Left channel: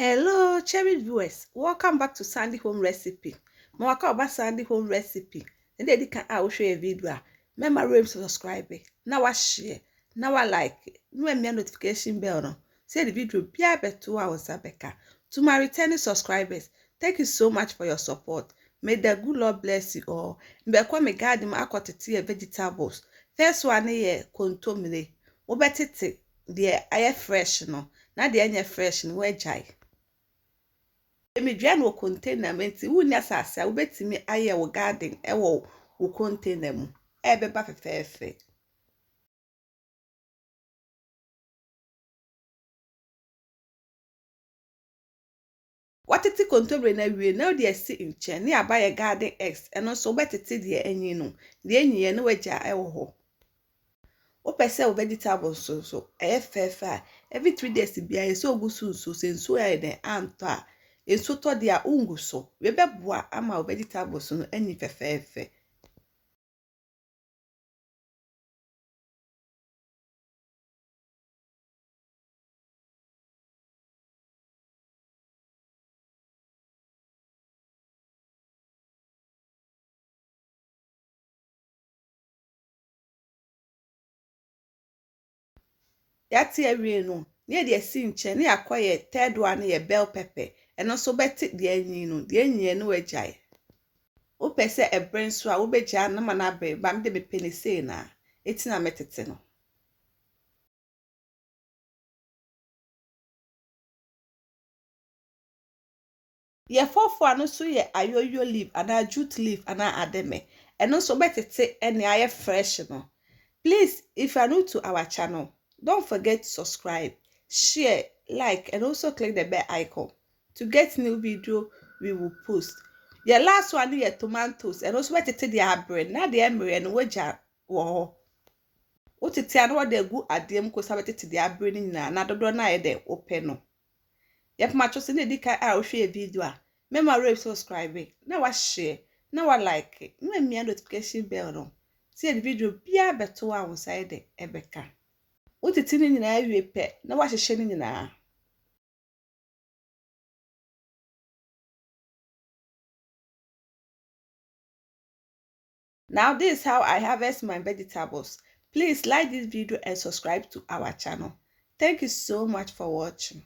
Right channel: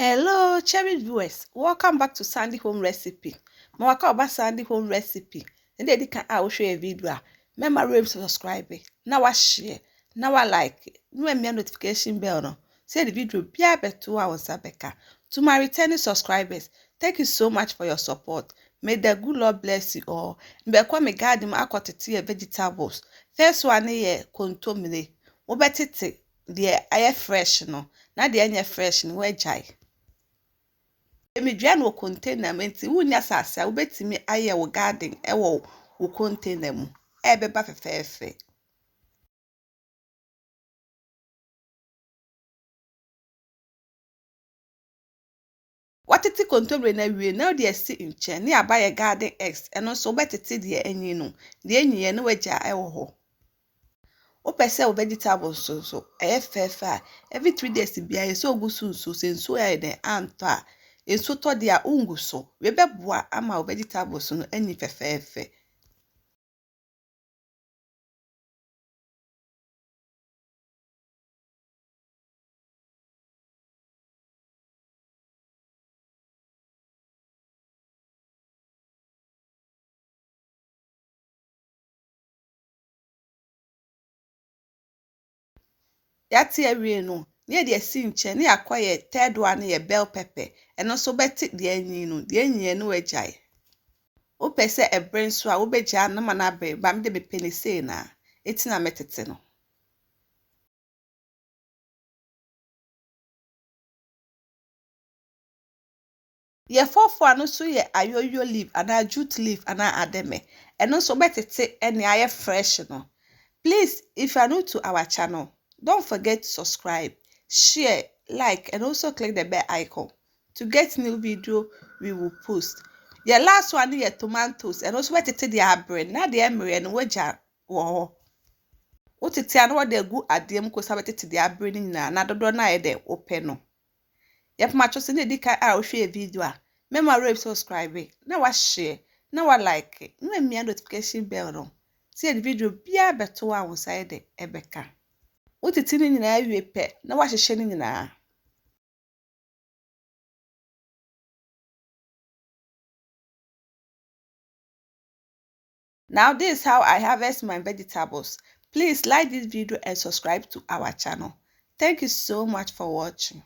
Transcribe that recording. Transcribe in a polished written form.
Hello, cherry viewers. Welcome back to Sandy Home Recipe. Mwaka oba Sandy Home Recipe. Nde di kan a wo share video. Remember to subscribe. Na wa share. Na wa like. No me notification bell no. Say the video bia beto a won beka. To my returning subscribers, thank you so much for your support. May the good Lord bless you all. Mbekwa me garden akotete vegetables. First one ye kontomire. Wo betete de aye fresh no. Na de anya fresh no we jai. Emi dua no container menti wunya sasa wo betimi aye wo garden ewo wo container mu ebeba fefefe watiti container na wie na de asi nche ne abaye garden eggs eno so betiti de anyi no de anyiye no waja ewo ho wo pese wo vegetables so fefe every 3 days bia so ogusu so senso e de anta eso to dia unguso we beboa ama vegetables no ani fefefe yati awie no ne de asi nche ne akoye third one ye bell pepper eno so beti de anyi no de anyi no agyae wo pese ebre so a wo begya na mana be ba me de be penise na etina metete no ye fofo ano so ye ayoyo leaf ana jute leaf ana ademe eno so betete ene aye fresh no. Please, if you are new to our channel, don't forget to subscribe, share, like, and also click the bell icon to get new video we will post. The last one is tomatoes, and also what it is the bread. Now the emery and wager. Wow. What it is what they go at them because what it is the bread in another door na de open no. Yep, my chosen the dika I will share video. Remember to subscribe. Now I share. Now I like it. No me notification bell no. See the video bia beto a won side ebeka wotiti ni nyina awie pe na wa hehye ni nyina. Now this is how I harvest my vegetables. Please like this video and subscribe to our channel. Thank you so much for watching.